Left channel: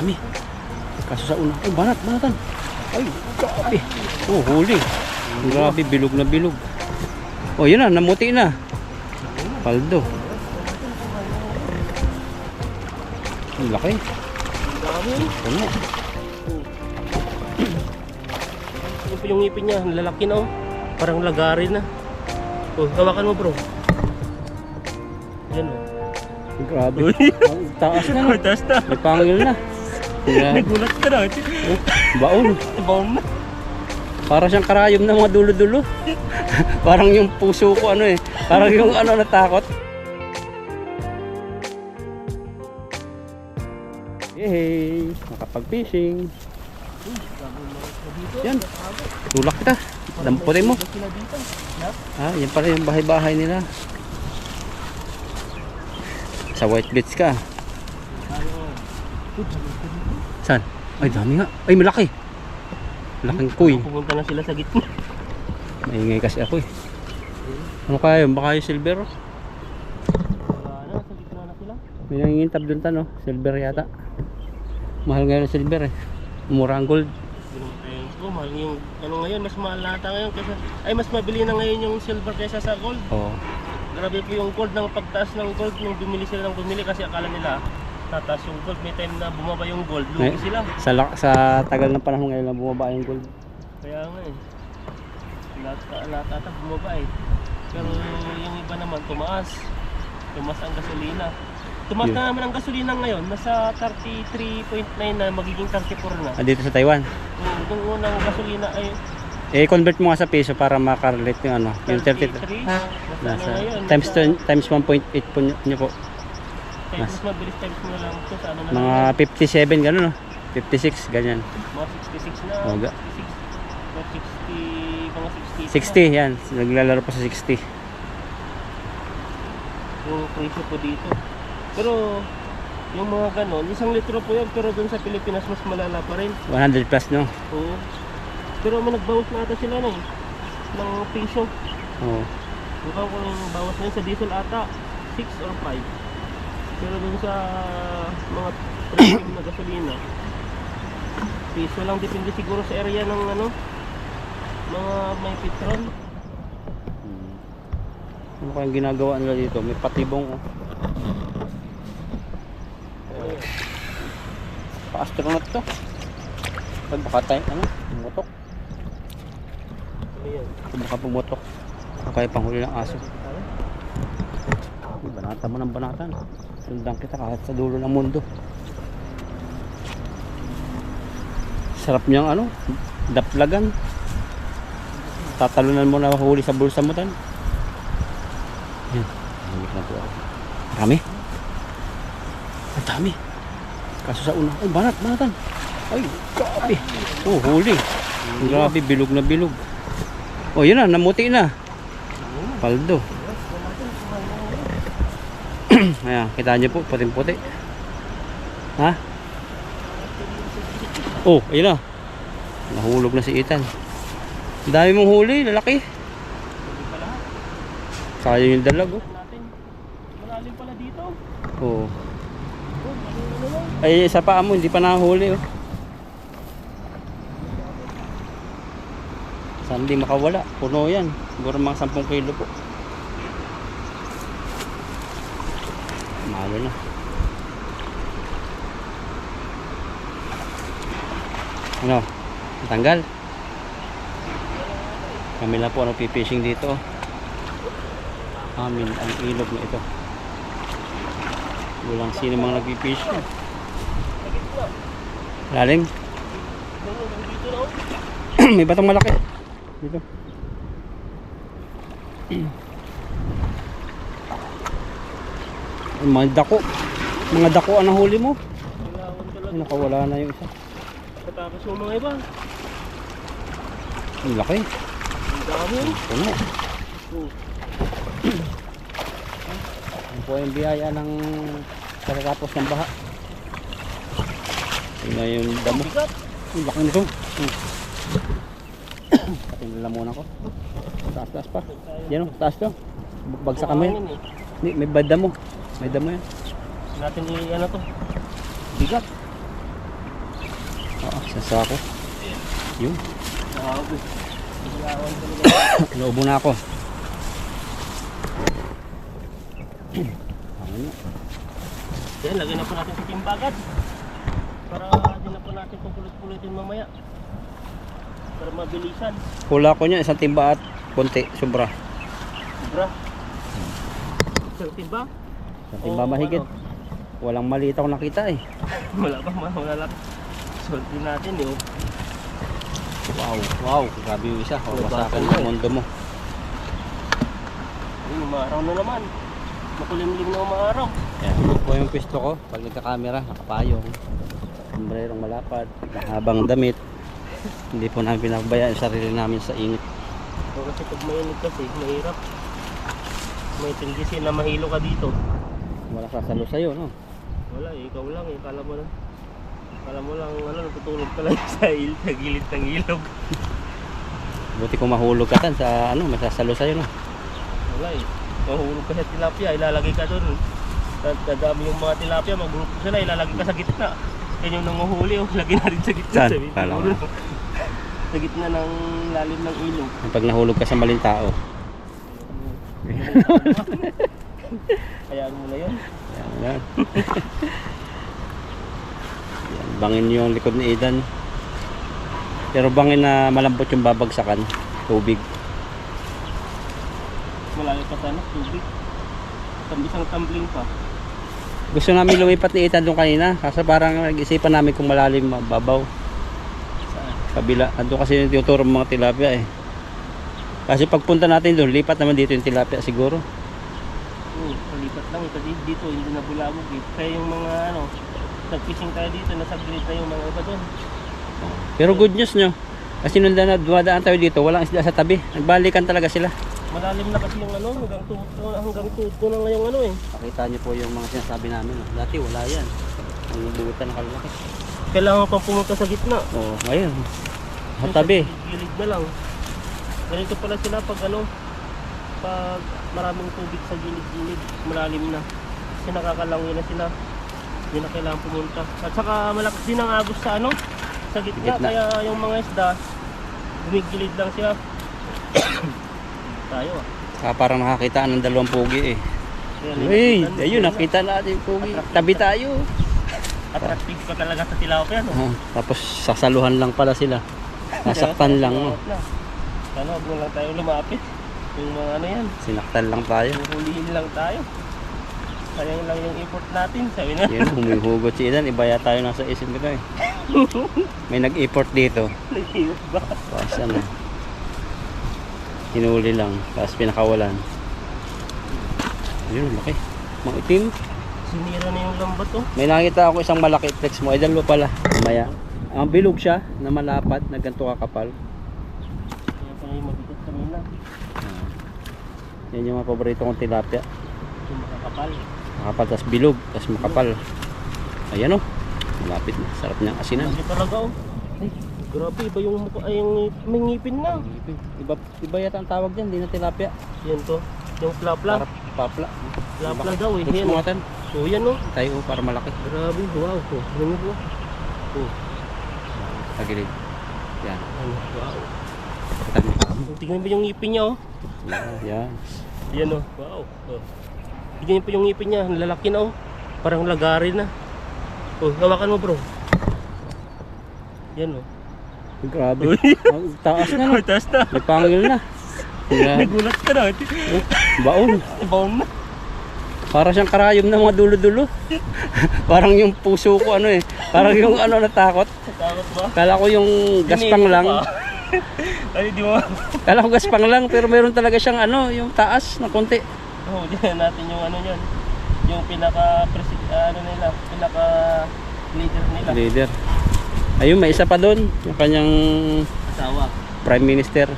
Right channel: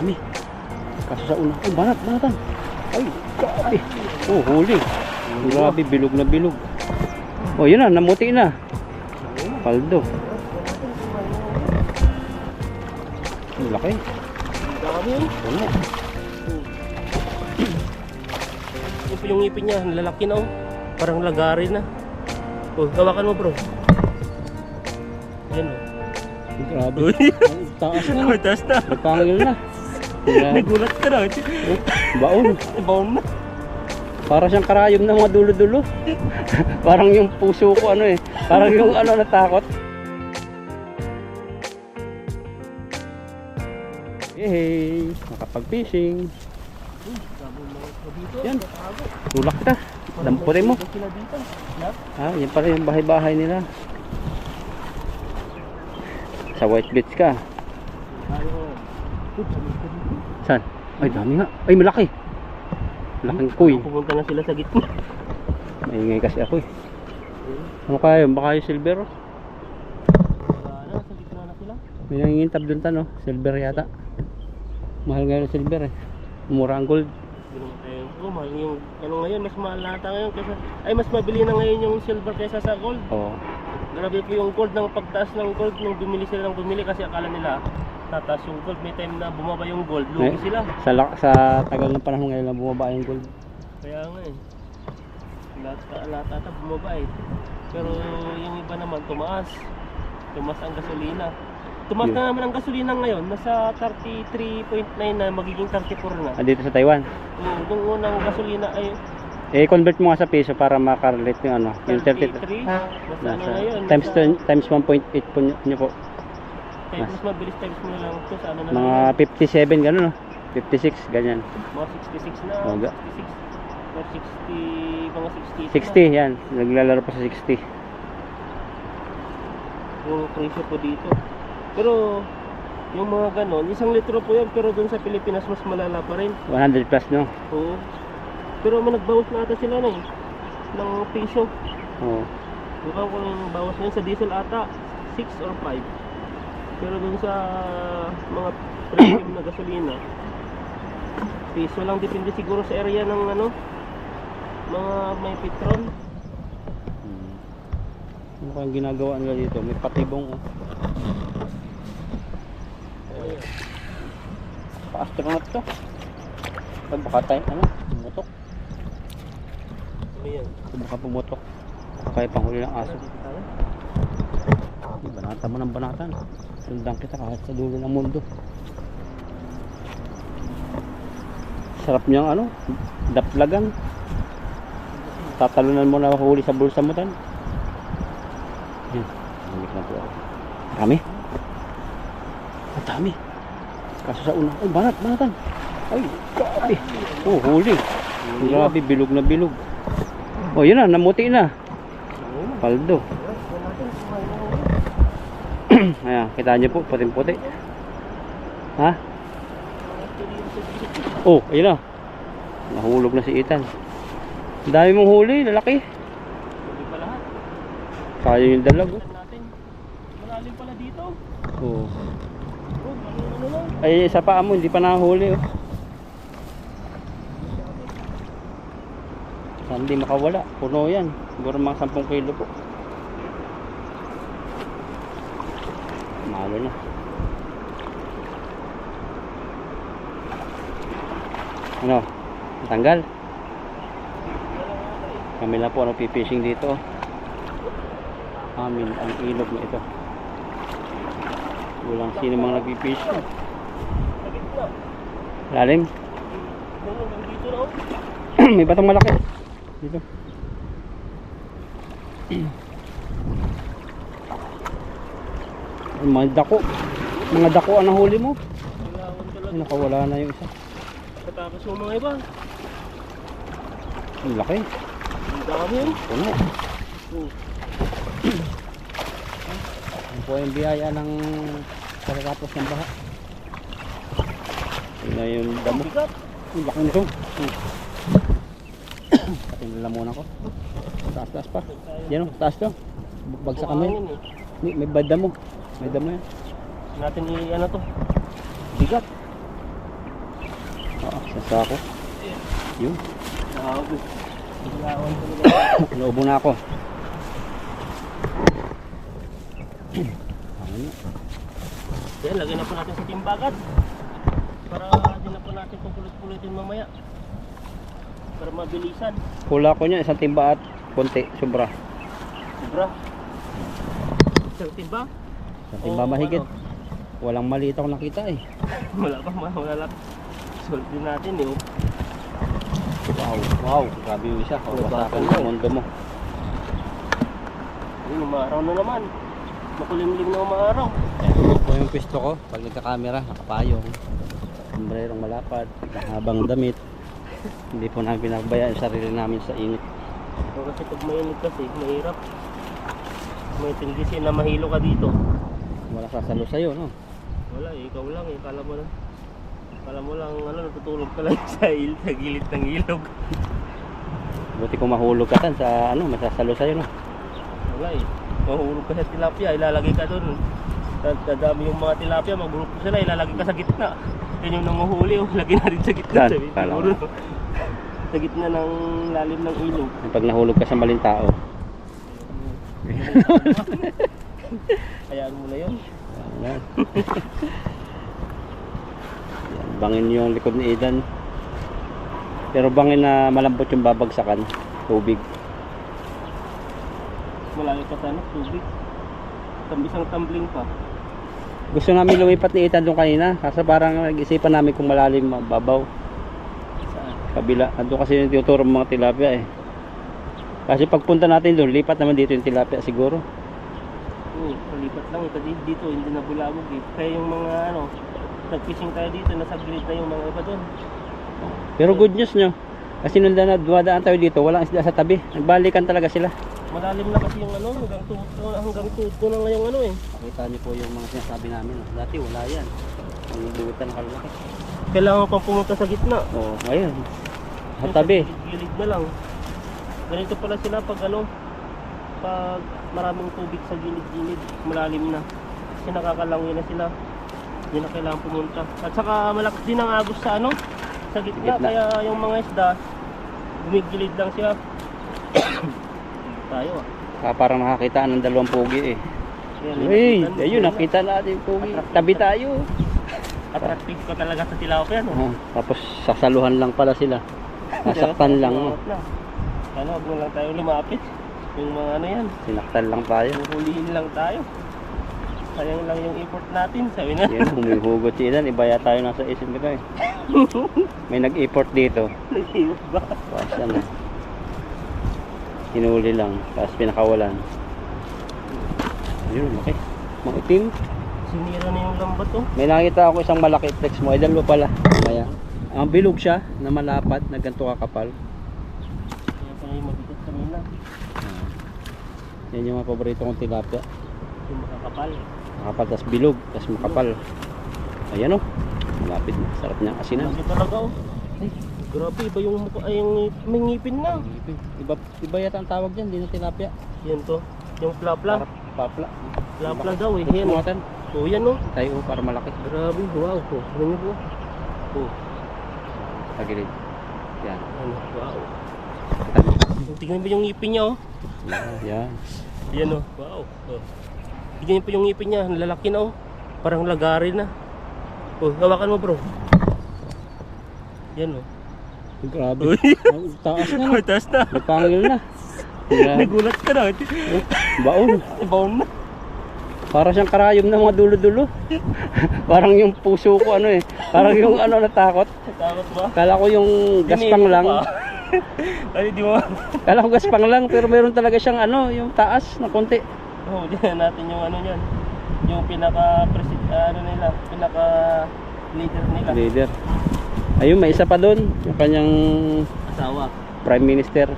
dami. Kaso sa una, oh, banatan. Ay, grabe. Oh, huli. Grabe, bilog na bilog. Oh, yun na, namuti na. Paldo. Ang laki. Dami. Ano? Yung po yung ngipin niya, lalaki na oh. Parang lagari na. Oh, hawakan mo bro. Yan oh. Grabe. Uy. Ang taas na. May taas na. May pangil na. Yeah. Nagulat ka na. Baon. Baon na. Para siyang karayom ng mga dulo-dulo. Parang yung puso ko ano eh. Parang yung ano natakot. Yay! Nakapag-fishing. Yan. Tulak kita. Damputin mo. Ah, yan pala yung bahay-bahay nila. Sa White Beach ka. Saan? Ay, dami nga. Ay, malaki. Laking kuy. Pumunta na sila sa gitna. Maingay kasi ako eh. Ano kaya yun? Baka yung silver? Wala na, sa gitna na sila. May nangingintab dun ta no? Silver yata. Mahal nga yung silver eh. Mura ang gold. Mahal yung ano ngayon, mas mahal nata ngayon kaysa, ay mas mabili na ngayon yung silver kaysa sa gold. Oo. Grabe po yung gold, ng pagtaas ng gold nung bumili sila ng bumili kasi akala nila tataas yung gold. May time na bumaba yung gold, lugi sila. Sa tagal ng panahon ngayon na bumaba yung gold. Kaya nga eh, lahat ata bumaba eh. Pero yung iba naman tumaas ang gasolina. Tumaas na naman ang gasolina ngayon, nasa 33.9 na, magiging 34 na. Ah, dito sa Taiwan. Yung unang gasolina ay convert mo nga sa peso para makarelate yung ano, yung 33. nasa, Ngayon, times 1.8 po nyo po. Mas mabilis times mo na lang ito sa ano na Mga 57 gano'n no? 56 ganyan. mga 66 na, Oh, 66 mga 60, mga 60 60 yan, naglalaro pa sa 60. yung presyo po dito. Pero yung mga ganon, 1 litro po yan, pero dun sa Pilipinas mas malala pa rin. 100 plus no? Oo. Pero may nagbawas na ata sila na eh, ng piso. Oo. Mukhang kung bawas na yun sa diesel ata 6 or 5. Pero dun sa mga premium na gasolina, piso lang, depende siguro sa area ng ano, mga may petrol. Ano kayang ginagawa nila dito? May patibong oh. Pa-astronaut to. Baka tayo, ano? Pumutok. Ano yan? Baka pumutok. Kaya panghuli ng aso. Banata mo ng banatan. Sundan kita kahit sa dulo ng mundo. Sarap niyang ano? Daplagan. Tatalunan mo na huli sa bulsa mo tan. Yan. Namik na po ako. Dami. Ang dami. Kaso sa una. Ay, banatan. Ay, grabe. Oh, huli. Grabe, bilog na bilog. Oh, yun na, namuti na. Paldo. Ayan, kita nyo po, puting-puti. Ha? Oh, ayun na. Nahulog na si Ethan. Ang dami mong huli, lalaki. Hindi pa lahat. Kaya yung dalag, oh. Natin. Malalim pala dito. Oh. Ano lang. Ay, sa paa mo, hindi pa nahuli, oh. Saan di makawala? Puno yan. Siguro mga 10 kilo po. Mahalo na. Ano? Tanggal? Kami na po ano pipishing dito. Amin ang ilog na ito. Walang sino mga nagpipish. Lalim? Dito na oh. May batang malaki. Dito. Mga dako. Mga dako ang nahuli mo. Kailangan talaga. Nakawala na yung isa. Katapos yung mga iba. Ang laki. Ang dami oh. Puno. Yan po yung biyaya ng pagkatapos ng baha. Yun na yung damo. Bigat. Ang laki nito. Pating lalamunan ko. Taas pa. Yan o, taas to. Bagsakan mo yan. May damo. May damo yan. Natin ano to. Bigat. Sa sako. Yun. Grabe. Ilawan talaga. Naubo na ako. Ano? Yan, lagyan na po natin sa timbagan. Para din na po natin pupulot-pulotin mamaya. Para mabilisan. Hula ko niya, isang timba at konti, sobra. Sobra. Isang timba? Isang timba Oo, mahigit. ano? Walang maliit ako nakita eh. Wala lang. Solve din natin eh. Oh. Wow, grabe yung isa. Wasakan Wala. yung mundo mo. Ayun, umaaraw na naman. Makulimlim na umaaraw. Ito po yung pisto ko. Pag nagka-camera, nakapayong. Sombrerong malapad, mahabang damit. Hindi po namin pinabayaan yung sarili namin sa init. So, kasi pag mainit kasi, mahirap. May tendency na mahilo ka dito. Wala sasalo sa'yo, no? Wala eh, ikaw lang eh. Kala mo lang, natutulog ka lang sa gilid ng ilog. Buti kung mahulog ka tan sa ano, masasalo sa'yo, no? Wala eh. Mahulog ka sa tilapia, ilalagay ka doon. Dadami yung mga tilapia, mag-group sila, ilalagay ka sa gitna. Yan yung nanguhuli, oh. Lagay natin sa gitna. Saan? Sabi, Kala siguro, sa gitna ng lalim ng ilog. Pag nahulog ka sa maling tao. Hayaan mo na yun. Yan. Bangin yung likod ni Idan. Pero bangin na malambot yung babagsakan. Tubig. Malayo pa sana, tubig. Isang tumbling pa. Gusto namin lumipat ni Idan doon kanina. Kasi parang nag-isipan namin kung malalim mababaw. Saan? Kabila. Andun kasi yung tinuturo ng mga tilapia eh. Kasi pagpunta natin doon, lipat naman dito yung tilapia siguro. Oo, palipat lang. Ito dito, hindi na bulabog eh. Kaya yung mga nag-fishing tayo dito, nasa grid na yung mga iba doon. Pero good news nyo. Kasi nung dumadaan tayo dito, walang isda sa tabi. Nagbalikan talaga sila. Malalim na kasi yung hanggang tuto na ngayong eh. Pakita nyo po yung mga sinasabi namin. Dati wala yan. Ang luwitan na kalaki. Kailangan pang pumunta sa gitna. Oo, ayun. Sa tabi. Gilid na lang. Ganito pala sila pag pag maraming tubig sa gilid-gilid, malalim na. Kasi nakakalangoy na sila. Hindi na kailangan pumunta. At saka malakas din ang agos sa sa gitna. Kaya yung mga isda, bumigilid lang siya. Tayo Parang nakakita ng dalawang pugi eh. Uy, ayun, nakita natin yung pugi. Tabi tayo. Attractive ka talaga sa tilapia, no? Tapos sasaluhan lang pala sila. Nasaktan lang. No? Sana huwag mo lang tayo lumapit. Yung mga yan. Sinaktan lang tayo. Huhulihin lang tayo. Sayang lang yung effort natin, sabi na. Yan, humihugot si Idan. Iba yata tayo nasa isin ko eh. May nag-effort dito. Nag-effort ba? Pasan eh. Hinuli lang. Tapos pinakawalan. Ayun, okay. Makitim. Sinira na yung lambat, oh. May nakita ako isang malaki. Text mo. Idan mo pala. Maya. Ang bilog siya na malapad na ganito kakapal. Kaya tayo mabigat kanina. Yan yung mga paborito kong tilapia. Yung makakapal. Makapal, tas bilog, tas makapal. Ayan o. Malapit na. Sarap niyang asinan. Lagi talaga, oh. Ay, grabe, iba yung mukha. Ay, may ngipin na. Iba yata ang tawag dyan, hindi na tilapia. Yan to. Yung plapla. Papla. Plapla daw, eh. Yan Yan, o. oh. Oh, yan, oh. Tayo para malaki. Grabe, wow. Oh, ano po? Oh, Sa gilid. Yan. ano, wow. Tingnan mo yung ngipin niya, oh. Yan. Yan, oh. Wow. Oh. Tingnan niyo po yung ngipin niya. Lalaki na, oh. Parang lagarin na. Oh, hawakan mo, bro. Yan, oh. Grabe. Ang taas na. No? Taas na. Nagpangil na. Yan. Nagulat ka na. Baon. Baon na. Para siyang karayom ng mga dulo-dulo. Parang yung puso ko ano eh. Parang yung natakot. Takot ba? Kala ko yung gaspang lang. Ay, di mo. Kala ko gaspang lang pero meron talaga siyang yung taas na konti. Oh, diyan natin yung niyan. Yung pinaka pinaka leader nila. Leader. Ayun, may isa pa doon. Yung kanyang Asawa. Prime Minister.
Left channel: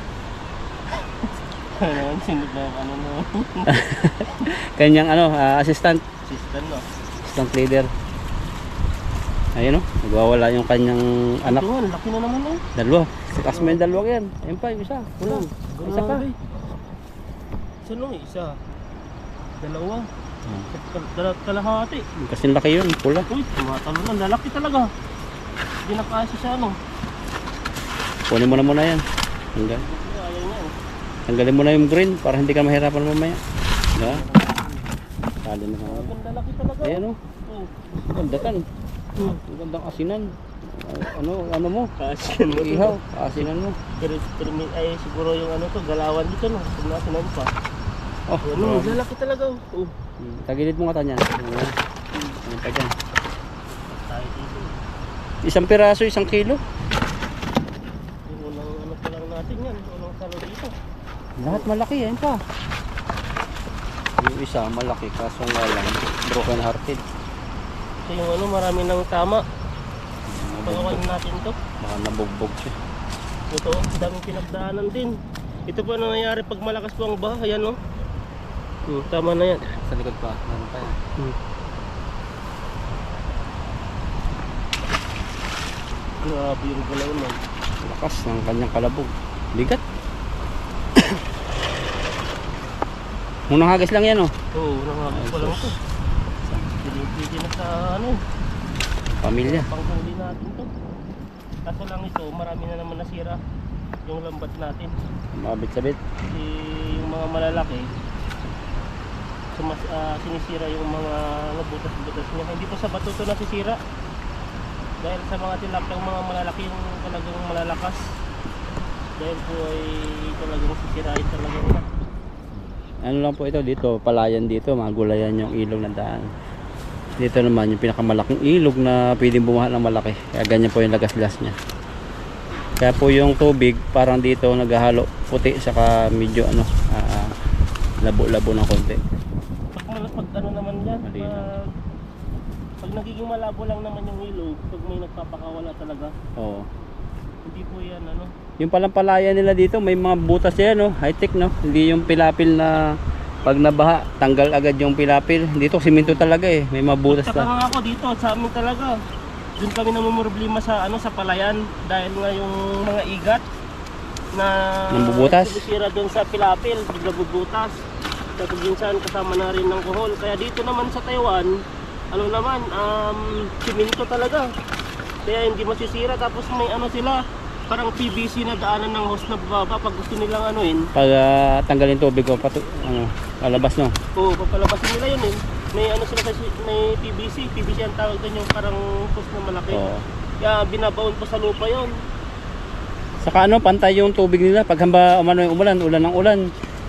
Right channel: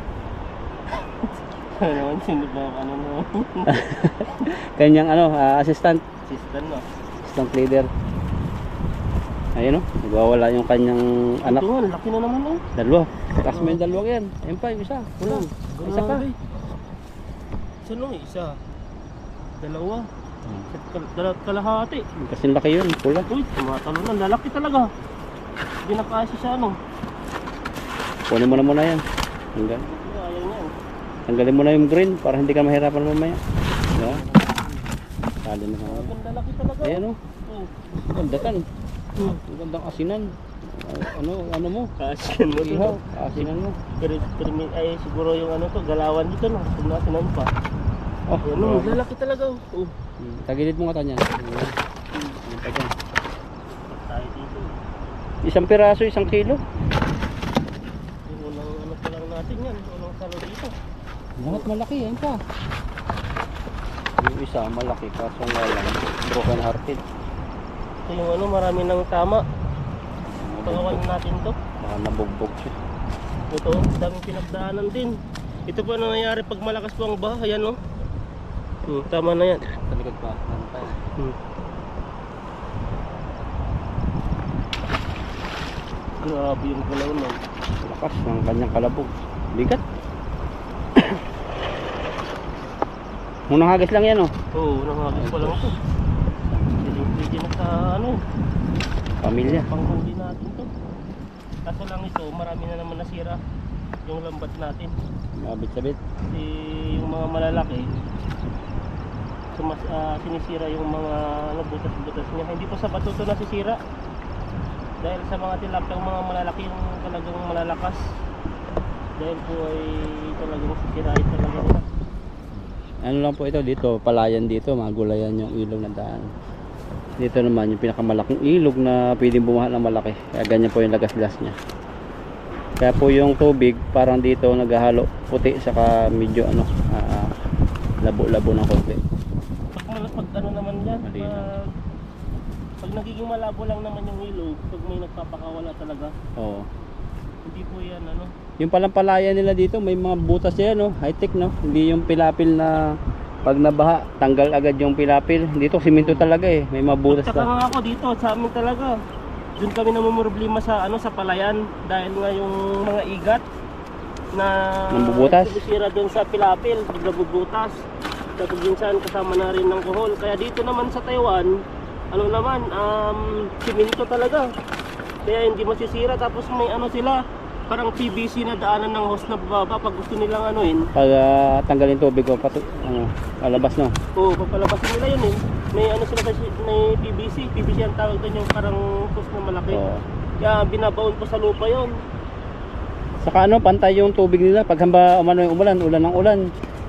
Ano sino ba no? Kanyang assistant. Assistant, no. Assistant leader. Ayun nagwawala yung kanyang anak. Ito, laki na naman, oh. Dalawa. Kasi may dalawa yan. Ayun pa, yung isa. Wala. Isa pa. Isa no, isa. Dalawa. Kalahati. Kasi laki yun. Pula. Uy, tumatalo na. Lalaki talaga. Hindi na kasi siya ano. Kunin mo na muna yan. Hanggang. Ayaw niya eh. Tanggalin mo na yung green para hindi ka mahirapan mamaya. Diba? Tali na ka. Ganda laki talaga. Ayan o. Oh. Ganda kan. Hmm. Gandang asinan. Ano mo? Kasiyan mo to. Ihaw. Asinan mo. Pero ay siguro yung ano to, galawan dito no. Kung nasinan pa. Oh, Ano, lalaki talaga. Oh. tagilid mo nga tanya. Ayan. Ayan pa dyan. Tayo dito. Isang piraso, 1 kilo. Yung unang ano pa lang natin yan. Unang salo dito. Lahat malaki, yan pa. Yung isa malaki, kaso nga lang broken hearted. Ito yung ano, marami nang tama. Pagawan natin to. Baka nabugbog siya. Ito, daming pinagdaanan din. Ito po ang nangyayari pag malakas po ang baha. Ayan no. Tama na yan. Sa likod pa. Ano pa yan? Grabe yung galaw nun. Lakas ng kanyang kalabog. Bigat. Munang hagis lang yan oh. Oo, nakakagis pa lang ito. Pwede na sa ano, Pamilya. panghuli natin to. Kaso lang ito, marami na naman nasira yung lambat natin. Mabit sa dit. Kasi yung mga malalaki, sinisira yung mga butas-butas niya. Hindi po sa bato to nasisira. Dahil sa mga tilapiyang mga malalaki yung talagang malalakas. Dahil po ay talagang sisirain talaga nila. Ano lang po ito dito, palayan dito, magulayan yung ilog na daan. Dito naman yung pinakamalaking ilog na pwedeng bumaha ng malaki. Kaya ganyan po yung lagas-las niya. Kaya po yung tubig parang dito naghahalo puti saka medyo ano, labo-labo ng konti. Pag ano naman yan, Malinaw. pag nagiging malabo lang naman yung ilog, pag may nagpapakawala talaga, Oo. hindi po yan ano. Yung palang palayan nila dito, may mga butas yan, no? High-tech, no? Hindi yung pilapil na pag nabaha, tanggal agad yung pilapil. Dito, simento talaga eh. May mga butas Saka na. nga ako dito, sa amin talaga. Doon kami namumroblema sa ano, sa palayan dahil nga yung mga igat na Nambubutas? sumisira doon sa pilapil, nagbubutas. Tapos minsan kasama na rin ng kuhol. Kaya dito naman sa Taiwan, ano naman, simento talaga. Kaya hindi masisira. Tapos may ano sila, parang PVC na daanan ng hose na bababa pag gusto nilang anuin. Pag tanggalin tubig ko, palabas, no? Oo, papalabasin nila yun eh. May ano sila kasi, may PVC. PVC ang tawag doon yung parang hose na malaki. Oo. Kaya binabaon pa sa lupa yun. Saka ano, pantay yung tubig nila. Pag hamba, umano yung ulan ng ulan.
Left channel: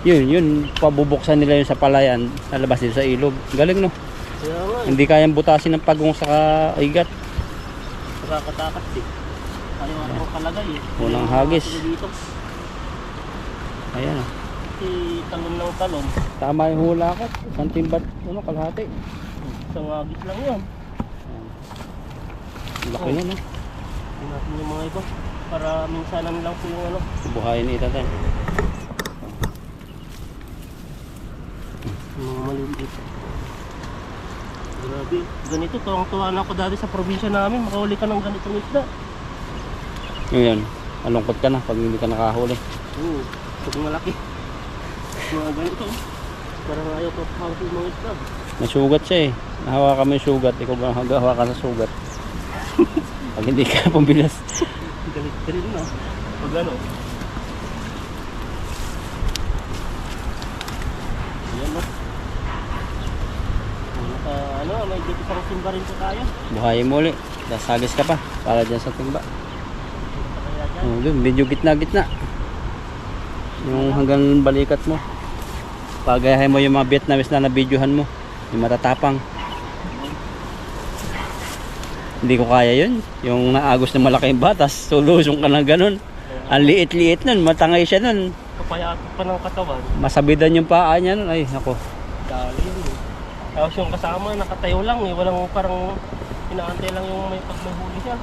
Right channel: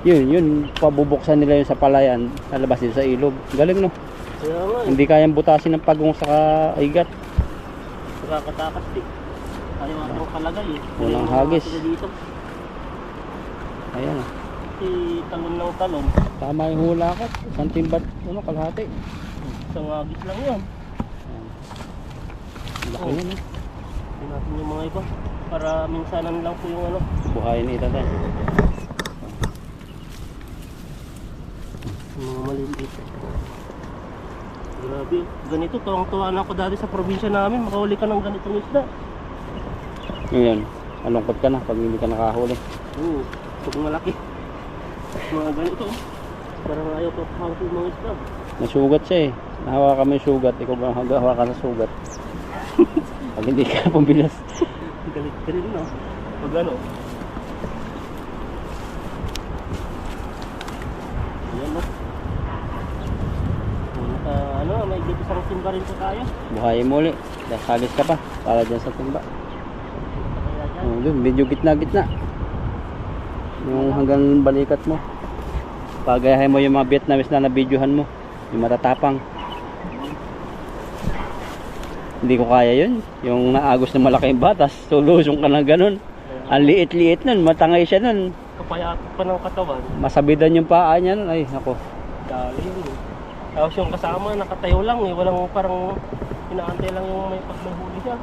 Yun, pabubuksan nila yun sa palayan. Lalabas din sa ilog. Galing, no? Kaya nga eh. Hindi kayang butasin ng pagong saka igat. Nakakatakas eh. Ayaw atang palagay eh. Walang Yung hagis. mga sila dito. Ayan, Si talon ng talon. tama yung hula ko. Isang timbat, kalahati. Isang hagis lang yun. Laki yan, no? Hindi natin yung mga iba. Para minsanan lang po yung ano. Buhayin ito tayo. Yung mga maliliit. Grabe. Ganito, tuwang-tuwa na ako dati sa probinsya namin. Makahuli ka ng ganitong isda. Yun, malungkot ka na pag hindi ka nakahuli. Oo. Pag malaki. Mga ganito. Parang ayaw pa hawak yung mga isda. Nasugat siya eh. Nahawakan mo yung sugat. Ikaw ba hawakan sa sugat? Pag hindi ka pambilas. Galit ka rin no. Pag ano. Ayan no. Ano, may dito isang timba rin po tayo. Buhayin mo ulit. Dasagis ka pa. Para dyan sa timba. Kaya dyan. Oh, dun, medyo gitna-gitna. Yung hanggang balikat mo. Pagayahin mo yung mga Vietnamese na nabidyohan mo. Yung matatapang. Hindi ko kaya yun. Yung naagos na malaking batas. Sulusong ka ng ganun. Ang liit-liit nun. Matangay siya nun. Kapayat pa ng katawan. Masabidan yung paa niya nun. Ay, ako. Dali yun eh. Tapos yung kasama nakatayo lang eh. Walang parang inaantay lang yung may pag may huli siya.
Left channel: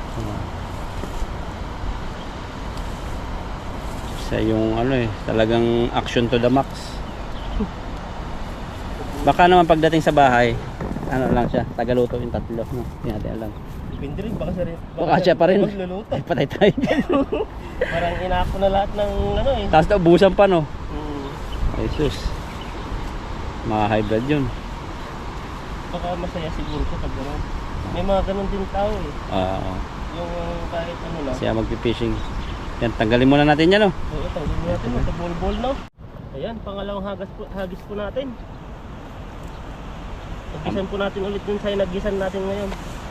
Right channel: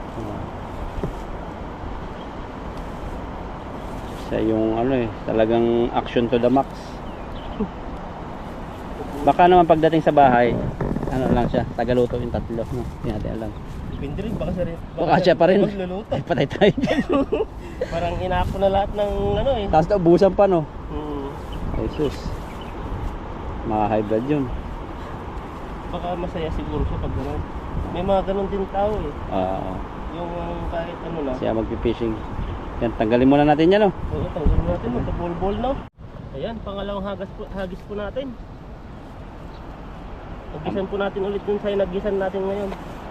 Sa yung ano eh. Talagang action to the max. Baka naman pagdating sa bahay, ano lang siya. Tagaluto yung tatlo. No? Hindi natin alam. Depende rin. Baka Siya pa rin. magluluto. Ay, patay tayo dyan. Parang inako na lahat ng ano eh. Tapos naubusan pa no. Hmm. Ay sus. Mga high blood yun. Baka masaya siguro siya pag gano'n. May mga gano'n din tao eh. Oo. Yung kahit ano na. Siya magpipishing. Yan, tanggalin muna natin yan, oh. Oo, tanggalin natin. Magka-ball no. Ayan, pangalawang hagis po natin. Nagisan po natin ulit dun sa nagisan natin ngayon.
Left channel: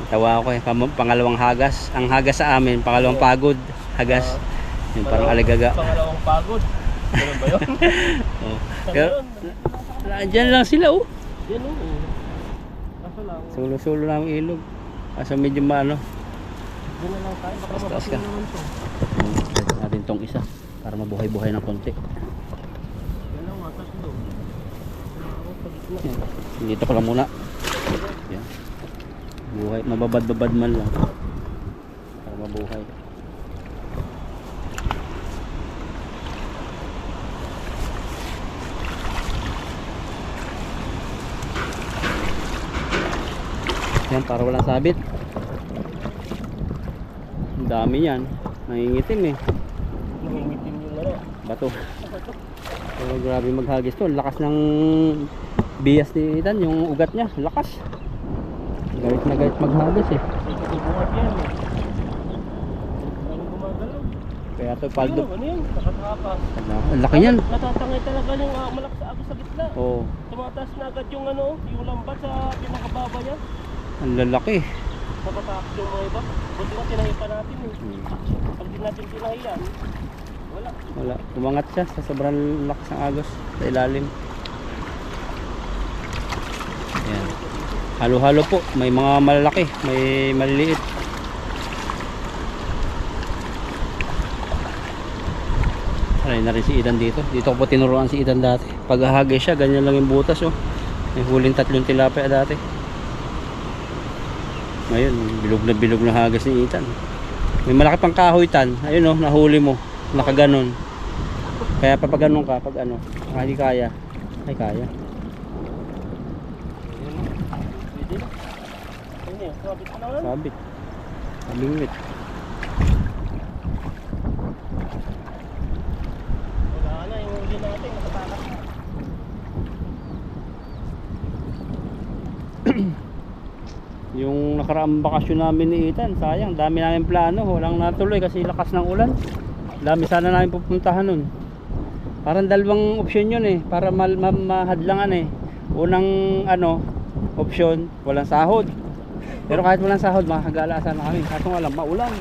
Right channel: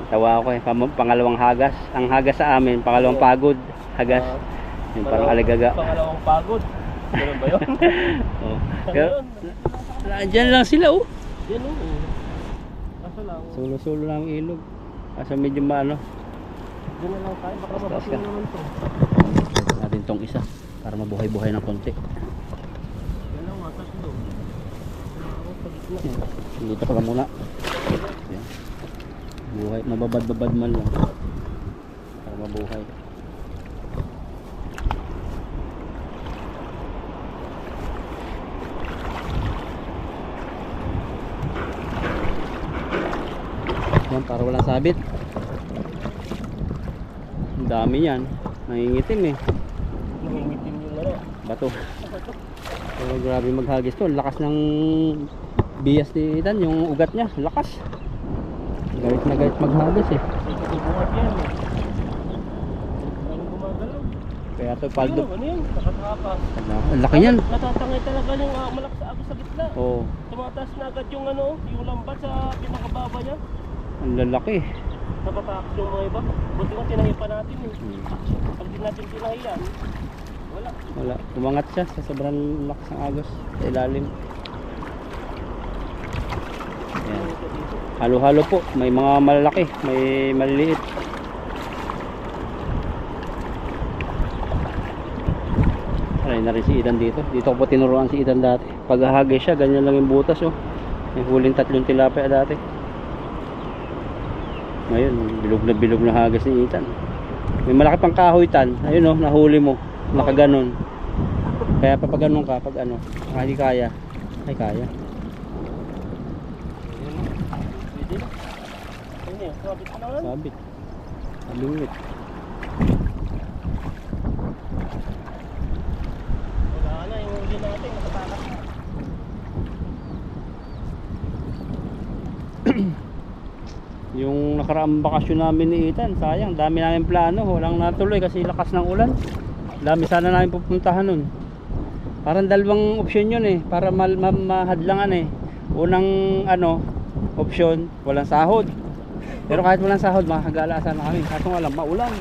Tawa ako eh, pangalawang hagas. Ang hagas sa amin, pangalawang pagod. Hagas. Yung parang aligaga. Pangalawang pagod. Ano ba yun? Oh. Sa Pero, ngayon, dyan lang sila, oh. yan o. Kaso lang, Sulo-sulo lang ang ilog. Kaso medyo maano. dyan na lang tayo. Baka Taas ka. mapasin naman to. Ito natin tong isa. Para mabuhay-buhay ng konti. Yan lang, tatlo. Ako sa gitna. Yan. Dito ko lang muna. Yan. Buhay, mababad-babad man lang. Para mabuhay. Yan, para walang sabit. Ang dami yan. Nangingitim eh. Nangingitim yung ano. Bato. So, grabe maghagis to. Lakas ng bias ni Ethan, yung ugat niya. Lakas. Galit na galit maghagis eh. Kasi buhat yan eh. Ang gumagalaw. Kaya to paldo. Ano yun? Nakatakas. Ang laki niyan. Natatangay talaga yung malakas sa agos sa gitna. Oo. Tumataas na agad yung ano, yung lambat sa pinakababa niya. Ang lalaki. Natatakot yung mga iba. Buti nga tinahi pa natin eh. Pag di natin tinahi yan, wala. Wala. Umangat siya sa sobrang lakas ng agos sa ilalim. Ayan. Halo-halo po. May mga malalaki. May maliliit. Aray na rin si Ethan dito. Dito ko po tinuruan si Ethan dati. Pag hahagis siya, ganyan lang yung butas oh. May huling 3 tilapia dati. Ngayon, bilog na hagas ni Ethan. May malaki pang kahoy tan. Ayun oh, nahuli mo. Nakaganon. Kaya papaganon ka pag ano, hindi kaya. Ay kaya. Pwede na. Ayun eh, sabit na lang. Sabit. Malungit. Wala na, yung huli natin, nakatakas na. Yung nakaraang bakasyon namin ni Ethan, sayang, dami namin plano, walang natuloy kasi lakas ng ulan. Dami sana namin pupuntahan nun. Parang dalawang option yun eh, para mahadlangan eh. Unang ano, option, walang sahod. Pero kahit walang sahod, makakagala sana kami. Kaso nga lang, maulan.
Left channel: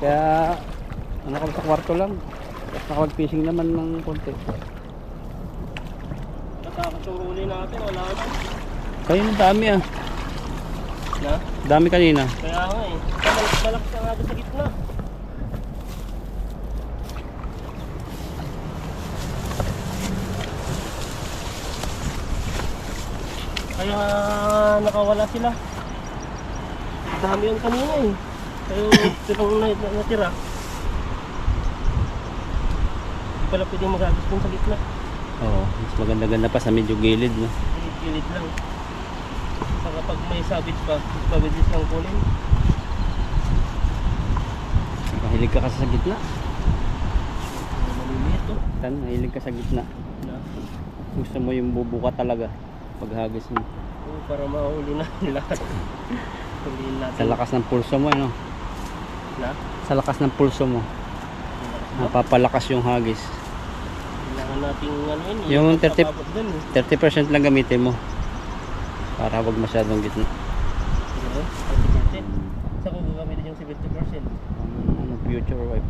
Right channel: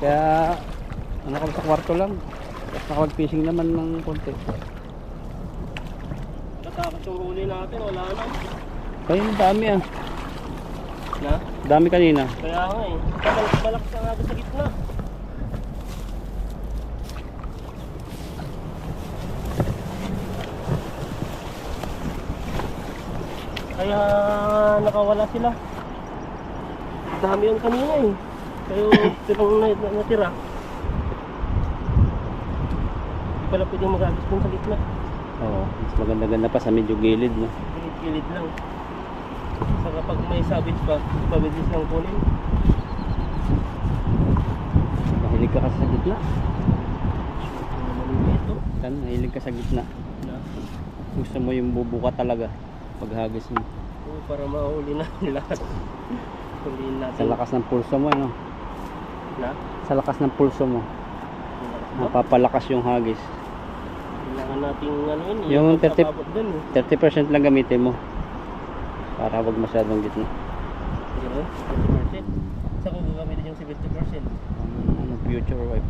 Kaya, ano kami sa kwarto lang. Tapos nakapag-fishing naman ng konti. Natakot yung huli natin, wala na. Kaya ang dami ah. Na? Dami kanina. Kaya nga eh. Malakas ang agos sa gitna. Kaya nakawala sila. Dami yung kanina eh. Kaya silang natira. Hindi pala pwedeng magagos dun sa gitna. Oo, mas maganda-ganda pa sa medyo gilid no. Gilid lang. Saka pag may sabit pa, pabilis lang kunin. Mahilig ka kasi sa gitna. Maliliit to. Tan, mahilig ka sa gitna. Na. Gusto mo yung bubuka talaga paghagis mo. Oo, para mahuli na lahat. Huliin natin. Sa lakas ng pulso mo ano. Na? Sa lakas ng pulso mo. Ba? Napapalakas yung hagis. Kailangan nating ano yun. Yung 30 pagkakabot dun eh. 30% lang gamitin mo. Para wag masyadong gitna. Siguro, 30%. Sa kung gagamitin yung 70%. Ano, future wife.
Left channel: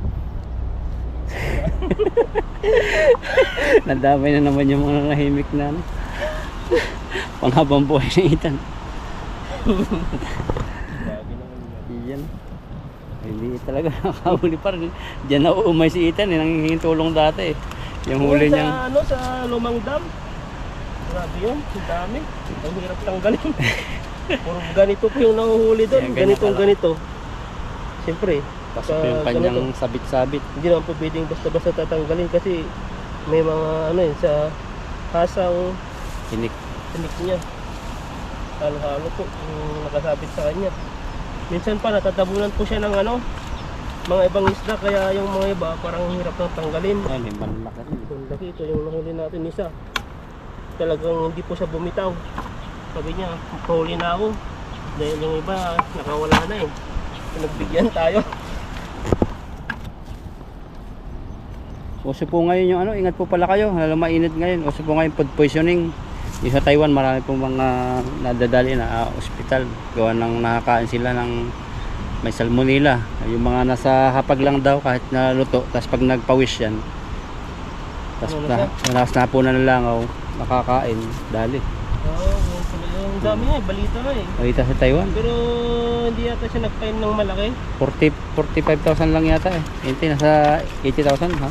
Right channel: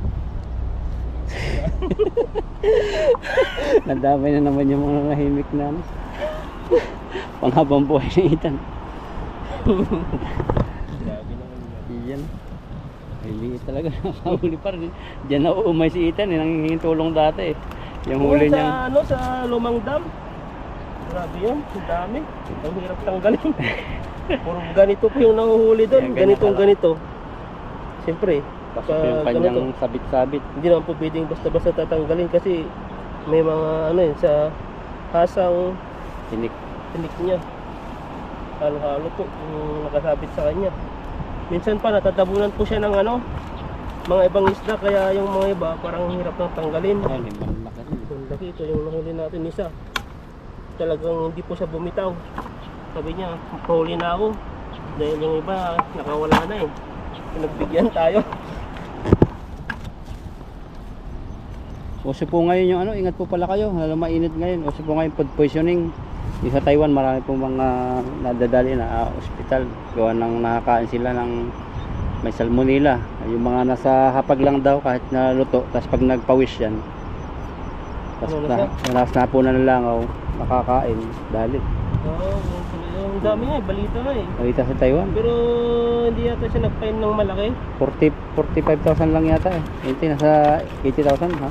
Nadamay na naman yung mga nahimik na ano. Panghabang buhay ni Ethan. Grabe naman yun. Iyan. Hindi talaga nakahuli pa rin. Diyan na uumay si Ethan. Nangingin tulong dati eh. Yung huli Sa niya. ano, sa lumang dam. Grabe yun, ang dami. Ang hirap tanggalin. Puro ganito po yung nahuhuli doon. Yan, ganyan Ganito. Siyempre, Pasok yung kanyang sabit-sabit. hindi naman po pwedeng basta-basta tatanggalin kasi may mga ano yun sa hasang Tinik. tinik niya. Halo-halo po yung nakasabit sa kanya. Minsan pa natatabunan po siya ng ano, mga ibang isda kaya yung mga iba parang hirap nang tanggalin. Ay, may malaki rin. Yung laki ito yung nahuli natin isa. Talagang hindi po siya bumitaw. Sabi niya, pahuli na ako. Dahil yung iba nakawala na eh. Pinagbigyan tayo. Uso po ngayon yung ano, ingat po pala kayo, lalo mainit ngayon. Uso po ngayon food poisoning. Yung sa Taiwan, marami po mga nadadali na ospital. Gawa ng nakakain sila ng may salmonella. Yung mga nasa hapag lang daw kahit na luto, tapos pag nagpawis yan, tapos Ano na na po na nalangaw, nakakain, dali. Oo, yung dami nga eh, balita nga eh. Balita sa Taiwan, Pero hindi yata siya nagpain ng malaki. 45,000 lang yata eh. Hindi, nasa 80,000 ha.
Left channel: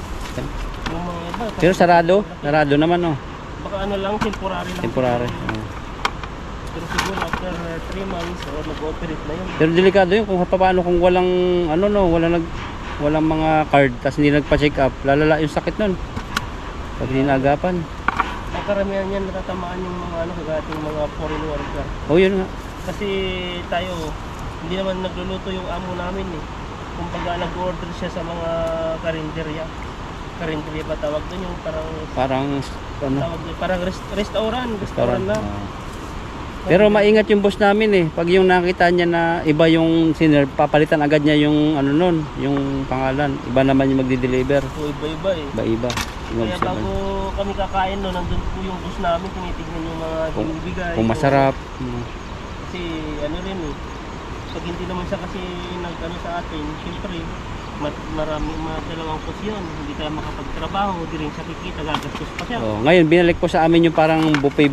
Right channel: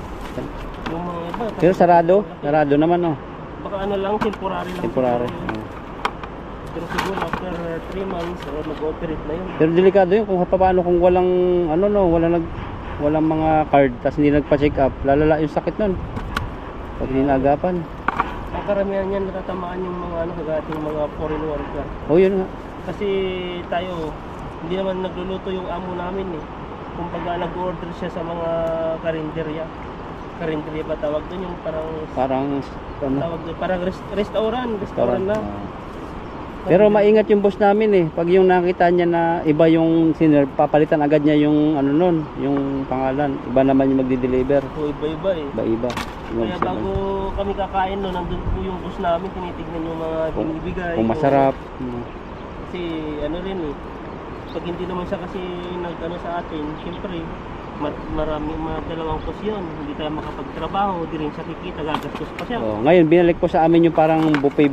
Yung mga iba. Pero sarado naman oh. Baka ano lang, temporary lang. Temporary. siguro. Pero siguro after 3 months, mag-ooperate na yun. Pero delikado yun kung paano kung walang ano no, walang mga card tapos hindi nagpa-check up, lalala yung sakit nun. Pag hindi naagapan. Ang karamihan yan natatamaan yung mga ano kagating mga foreign worker. Oh, yun nga. Kasi tayo, hindi naman nagluluto yung amo namin eh. Kumbaga nag-order siya sa mga karinderya. Karinderya ba tawag doon? Yung Parang ano, tawag doon, parang restaurant na. Pero maingat yung boss namin eh. Pag yung nakita niya na iba yung siner, papalitan agad niya yung ano nun, yung pangalan. Iba naman yung magdi-deliver. So iba-iba eh. Iba-iba. Kaya bago kami kakain no, nandun po yung boss namin, tinitignan yung mga binibigay. Kung masarap. Kasi ano rin eh, pag hindi naman siya kasi nag-ano sa atin, syempre maraming mga dalawang cost yun. Hindi tayo makapagtrabaho, di rin siya kikita, gagastos pa siya. Oh, ngayon binalik ko sa amin yung parang buffet.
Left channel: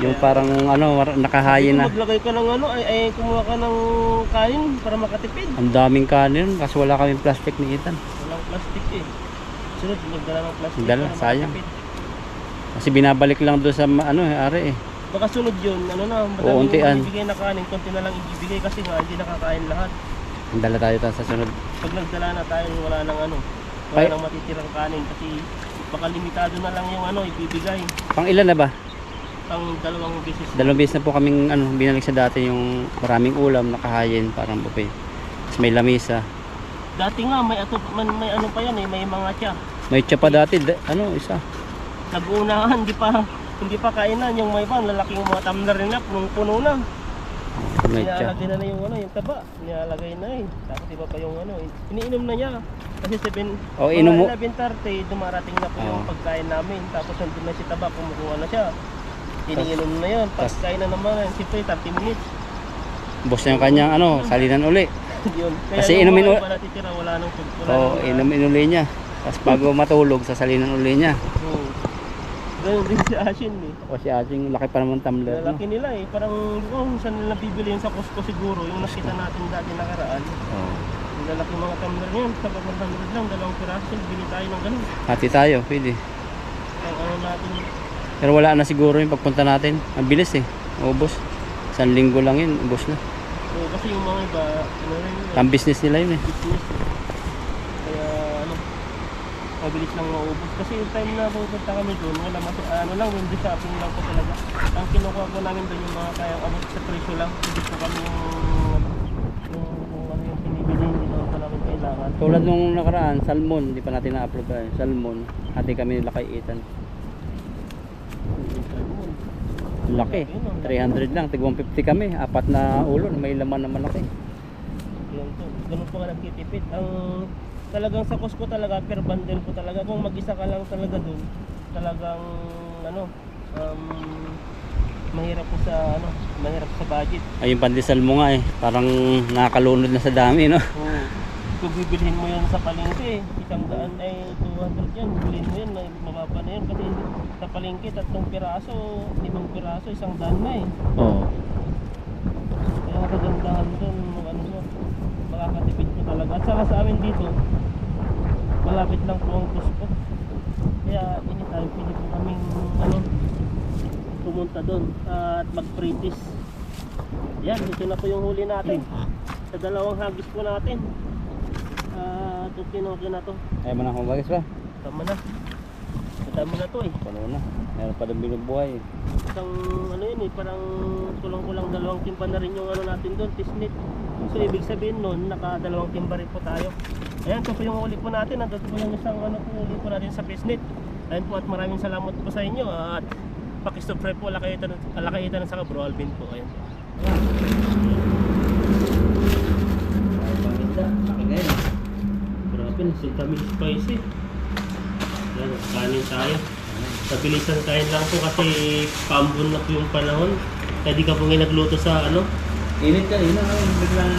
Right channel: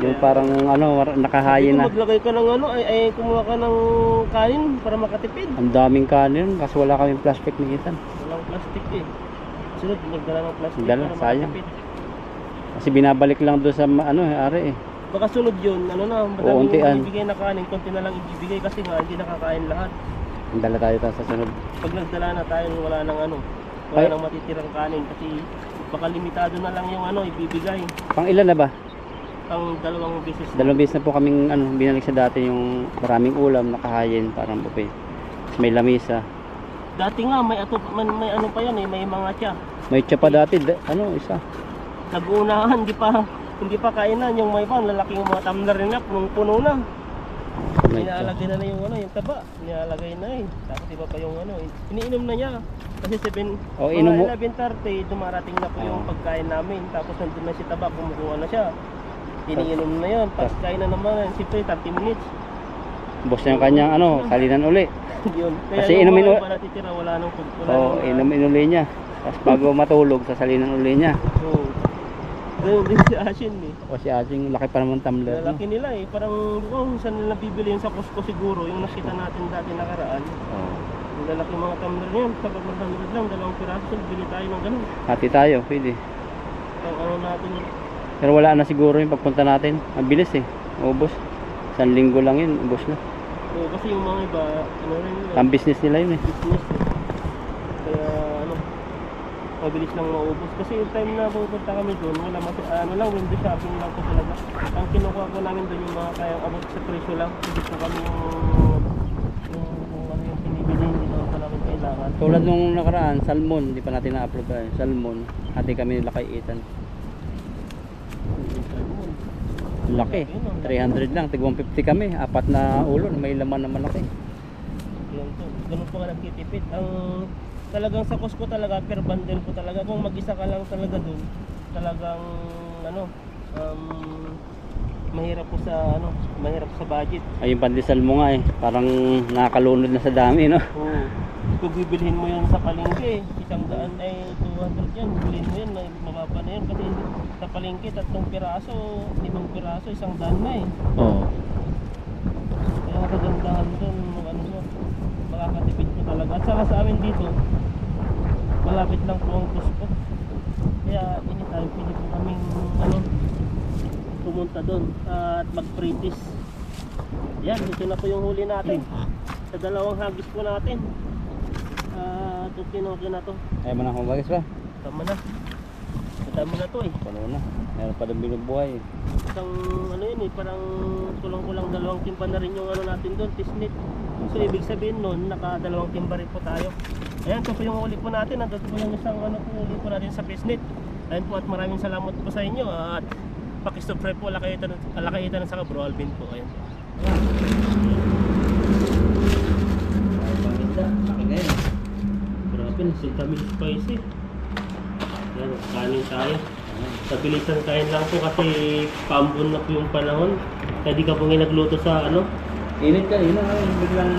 Yung parang ano, nakahayin na. Maglagay ka ng ano, ay kumuha ka ng kanin para makatipid. Ang daming kanin kasi wala kaming plastic ni Ethan. Walang plastic eh. Sunod, magdala ng plastic Dala, para sayang. makatipid. Kasi binabalik lang doon sa ano, ari eh. Baka sunod yun, ano na, untian. madaming ibibigay na kanin, konti na lang ibibigay kasi nga hindi nakakain lahat. Dala tayo sa sunod. Pag nagdala na tayo, wala nang ano, wala nang matitirang kanin kasi baka limitado na lang yung ano, ibibigay. Pang ilan na ba? Ang dalawang beses. Dalawang beses na po kaming ano, binalik sa dati yung maraming ulam, nakahayin, parang buffet. Tapos may lamisa. Dati nga, may ano pa yan eh, may mga tiya. May tsa pa dati, ano, isa. Nag-uunahan, hindi pa kainan yung may iba, lalaki yung mga tumbler nila, punong-puno na. May tsa. Nilalagay na yung ano, yung taba, nilalagay na eh. Tapos iba pa yung ano, iniinom na niya. Kasi Oh, inom mo. 11:30, dumarating na po yung pagkain namin. Tapos nandun na si taba, kumukuha na siya. Iniinom na yun. Pagkain na naman, siyempre 30 minutes. Boss na yung kanyang ano, salinan uli. Yun. Kaya Kasi yung inumin mga iba natitira, wala nang food. Oo, inumin uli niya. Tapos bago matulog, sasalinan uli niya. Oo. Ganun din si Ashin eh. O si Ating, laki pa naman tumbler. No? Lalaki nila eh. Parang, saan nila bibili yun sa Costco siguro. Yung nakita natin dati nakaraan. Oo. Yung lalaki mga tumbler niyan. Sa 100 lang, 2 piraso. Bili tayo ng ganun. Hati tayo, pwede. Ang ano natin. Pero wala na siguro yung pagpunta natin. Ang bilis eh. Ubos. 1 linggo lang yun, ubos na. So, kasi yung mga iba, ano rin nila. Ang business nila yun eh. Business. Kaya ano, mabilis lang maubos. Kasi yung time na pupunta kami doon, wala ano lang, window shopping lang po talaga. Ang kinukuha ko namin doon yung mga kayang abot sa presyo lang. Hindi po kami yung ano yung pinibili, hindi naman pa namin kailangan. Tulad nung nakaraan, salmon. Hindi pa natin na-upload pa yun. Salmon. Hati kami nila kay Ethan. Laki. 300 lang. Tig 150 kami. 4 na ulo. May laman na malaki. Yun to. Ganun po nga nagtitipid. Ang talagang sa Costco talaga, per bundle po talaga. Kung mag-isa ka lang talaga dun, talagang ano, mahirap po sa ano, mahirap sa budget. Ay, yung pandesal mo nga eh. Parang nakakalunod na sa dami, no? Oo. Kung bibilhin mo yan sa palengke, 100 ay 200 yan. Bibilhin mo yan, mababa na yan. Kasi sa palengke, 3 piraso, 5 piraso, 100 na eh. Oo. Kaya kagandahan doon, ano mo, makakatipid mo talaga. At saka sa amin dito, malapit lang po ang Costco. Kaya anytime, pwede po kaming ano, pumunta doon at mag-practice. Yan, dito na po yung huli natin. Sa 2 hagis po natin. Okay na to. Ayaw mo na akong bagis ba? Tama na. Madami na to eh. Puno na. Meron pa din binubuhay eh. Isang ano yun eh, parang kulang-kulang 2 timba na rin yung ano natin doon, tisnit. So ibig sabihin nun, naka 2 timba rin po tayo. Ayan, ito po yung uli po natin. Nandito po yung isang ano po uli po natin sa pisnit. Ayan po at maraming salamat po sa inyo. At pakisubscribe po, Alakaitan sa Bro Alvin po. Ayan. Yan, si kami spicy. Yan, kanin tayo. Pabilisan kain lang po kasi paambon na po yung panahon. Kaya di ka po ngayon nagluto sa ano. Init kanina, biglang,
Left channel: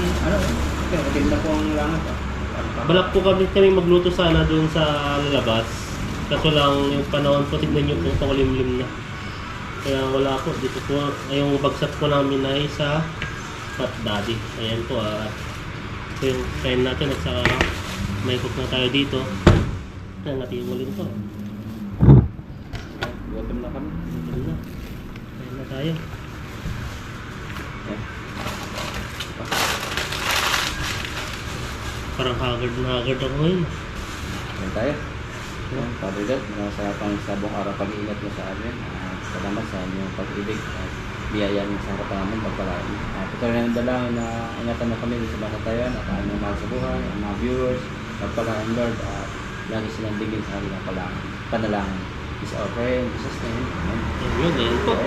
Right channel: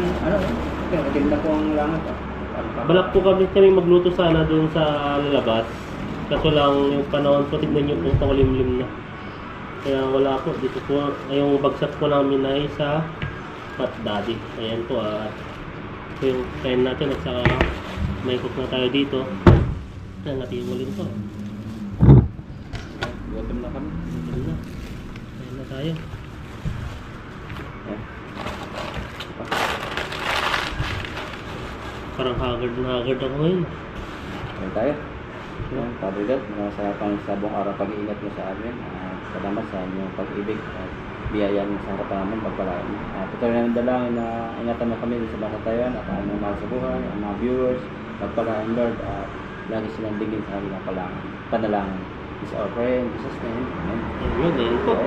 kaya maganda po ang langat. Balak po kami magluto sana doon sa lalabas. Kaso lang yung panahon po, tignan nyo kung pangulimlim na. Kaya wala po, dito po, yung bagsak po namin ay sa Fat Daddy. Ayan po, ito yung kain natin at saka may cook na tayo dito. Ayan, natin yung ulit po. Gutom na kami. Ayan na. Kain na tayo. Parang haggard na haggard ako ngayon. Ayan tayo. Father God, masarapan sa buong araw pag-iingat mo sa amin. Salamat sa inyong pag-ibig at biyaya mo sa harapan namin pagpalain. Patuloy na ng dalangin na ingatan mo kami sa banatayan at aming mahal sa buhay, ang mga viewers, pagpalain Lord at lagi silang bigyan sa kanilang panalangin. Is our prayer in Jesus' name. Amen. Ayun po.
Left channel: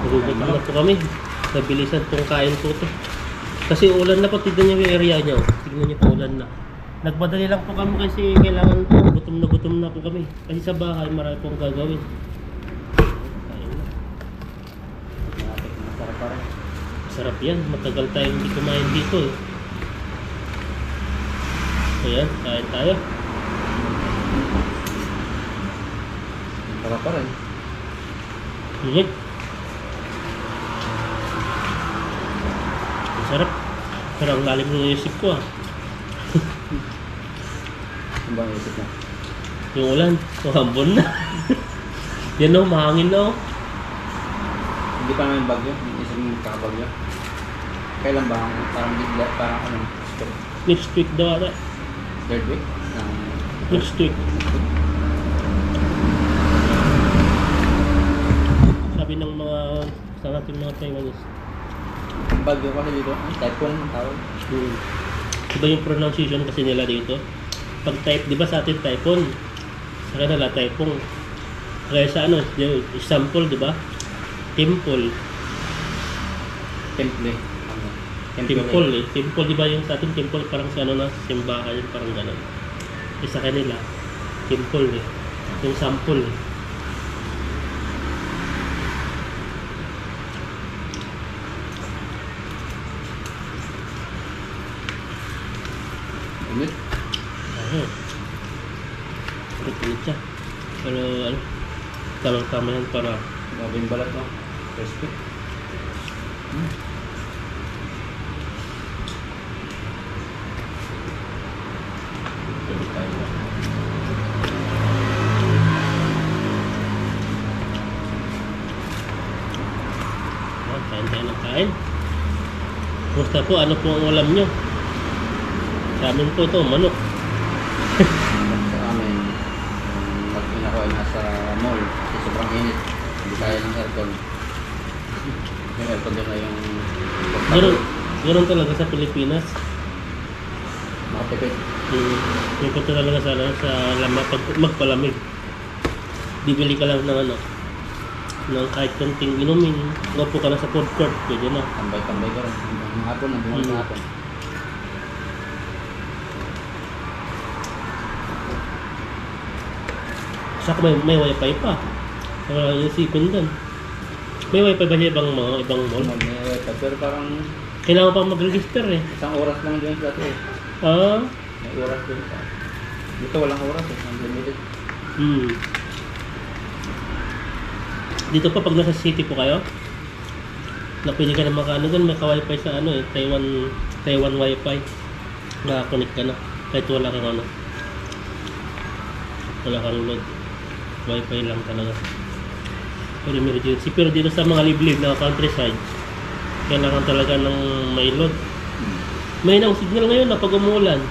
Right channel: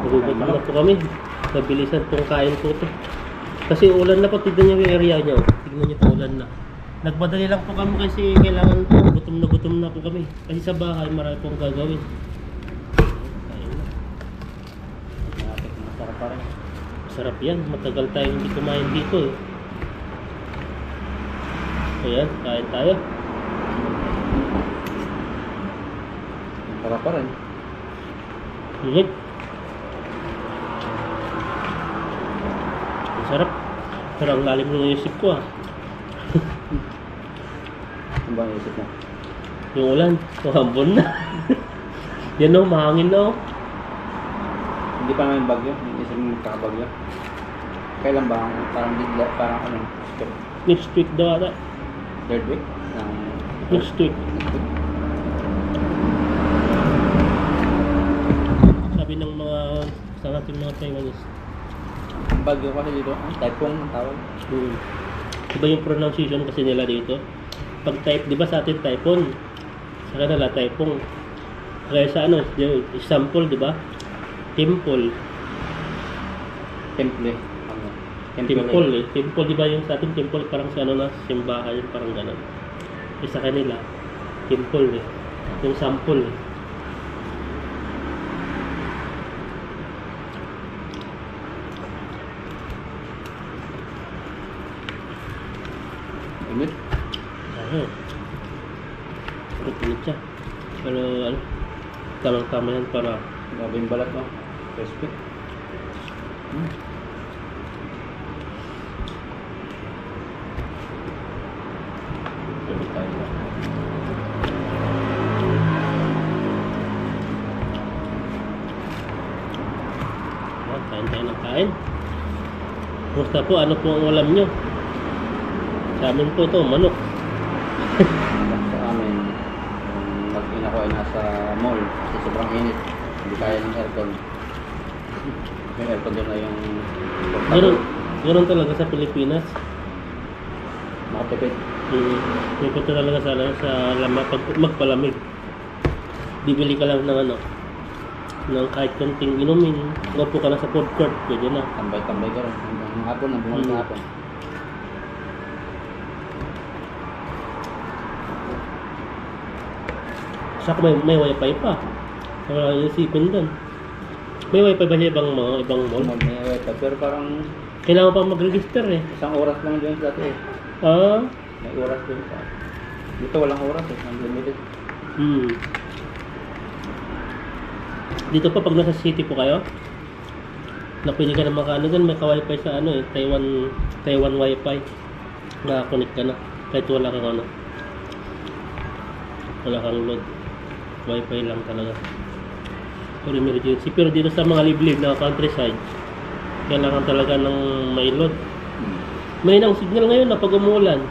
Nagugutom na po kami. Nabilisan pong kain po ito. Kasi ulan na po, tignan nyo yung area nyo. Tignan nyo po ulan na. Nagmadali lang po kami kasi kailangan po, gutom na po kami. Kasi sa bahay marami pong gagawin. Masarap pa rin. Masarap yan, matagal tayong hindi kumain dito eh. Ayan, kain tayo. Masarap pa rin. Ingat. Masarap. Pero ang lalim ng isip ko ah. Ano ba ang isip mo? Yung ulan, mahambon na. Yan o, mahangin na o. Hindi pa namin bagyo. Yung isip mo kakabagyo. Kailan ba? Parang bigla, parang Next week daw ata. third week? Next week. Sabi ng mga sa natin mga Taiwanese. Bagyo kasi dito. Typhoon ang tawag. Iba yung pronunciation kasi nila dito. Pag type, di ba sa atin typhoon? Sa kanila typhoon. Kaya sa ano, yung example, di ba? Temple. Temple. Temple eh. Temple, di ba yung sa atin temple parang sa ano na, simbahan yun, parang gano'n. Eh sa kanila, temple eh. Yung sample eh. Init. Ayun. Init siya. Pero ano, tamang-tama yan para Grabe yung balat no? Crispy. Pwede tayo ba? kain tayo ng kain. Kumusta po? Ano po ang ulam nyo? Sa amin po ito, manok. Sa amin, mag-ina ko ay nasa mall kasi sobrang init. Hindi kaya ng aircon. Yung aircon doon na yung Ganoon talaga sa Pilipinas. makatipid. May punta talaga sa lama pag magpalamig. Bibili ka lang ng ano, ng kahit konting inumin. Upo ka na sa food court, pwede na. Tambay-tambay ka rin. Hanggang hapon, hanggang hapon. Saka may wifi pa. Wala yung isipin doon. May wifi ba siya ibang mall? May wifi, pero parang Kailangan pa mag-register eh. isang oras lang dyan sa dati eh. Ah? May oras dyan sa dito walang oras eh, unlimited. Dito pa pag nasa city po kayo, na pwede ka na makaano dyan, may ka-wifi sa ano eh, Taiwan wifi. Nakakonect ka na, kahit wala kang ano. Wala kang load. Wifi lang talaga. For emergency. Pero dito sa mga liblib na countryside, kailangan talaga ng may load. May nang signal ngayon na pag umuulan.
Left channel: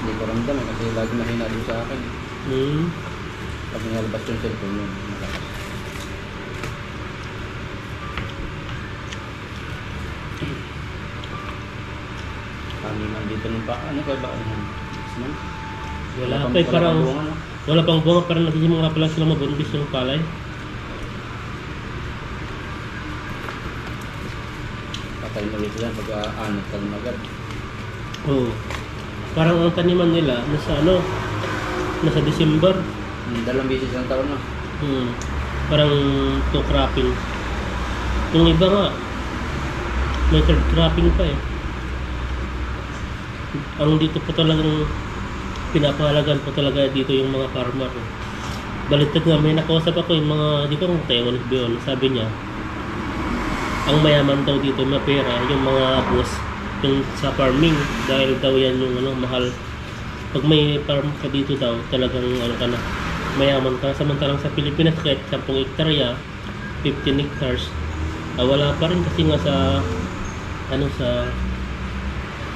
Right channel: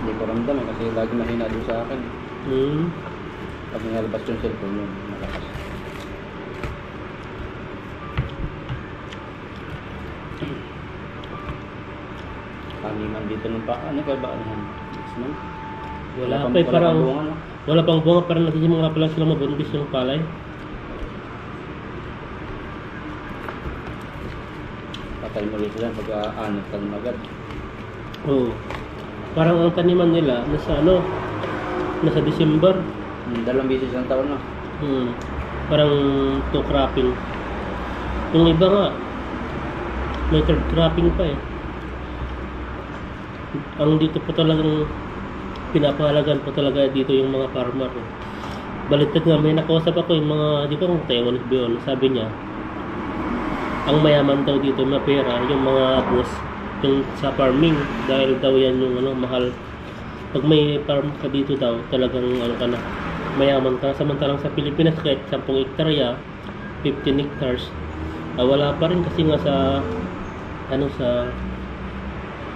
Hindi ko ramdam eh, kasi lagi mahina din sa akin. Pag nalabas yung cellphone yun, malakas. Paniman dito nung pa, ano kaya ba? Wala pa eh, parang wala pang bunga, parang nagsisimula pa lang sila mabundis yung palay. Patay mo dito yan pag aanot ka agad. Oo. Parang ang taniman nila nasa ano, nasa December. Dalawang beses ang taon na. Parang two cropping. Yung iba nga, may third cropping pa eh. Ang dito po talagang pinapahalagan po talaga dito yung mga farmer. Baliktad nga, may nakausap ako yung mga, di ba kung Taiwan ba yun, sabi niya, ang mayaman daw dito, mapera, yung mga boss, yung sa farming, dahil daw yan yung ano, mahal. Pag may farm ka dito daw, talagang ano ka na, mayaman ka. Samantalang sa Pilipinas, kahit 10 hektarya, 15 hectares, wala pa rin kasi nga sa, ano, sa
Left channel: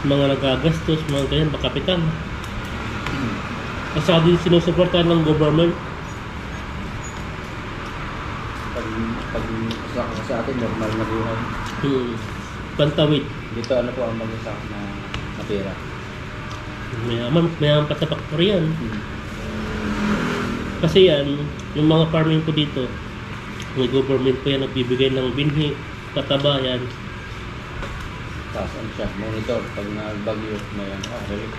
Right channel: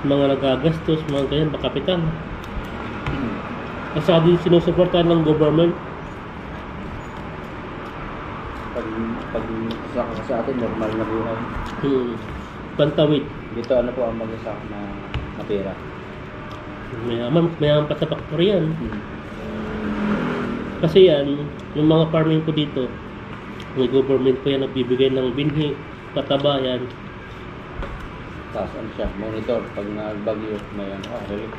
mga nagagastos, mga ganyan, bakapital. Kasi din sinusuportahan ng government. Pag sa atin, normal na buhay. Pantawid. Dito ano po ang mag-isa na pera. Mayaman pa sa factory yan. Kasi yan, yung mga farming ko dito, may government po yan nagbibigay ng binhi, pataba yan. Tapos ano siya, monitor pag nagbagyo, may ano, relief.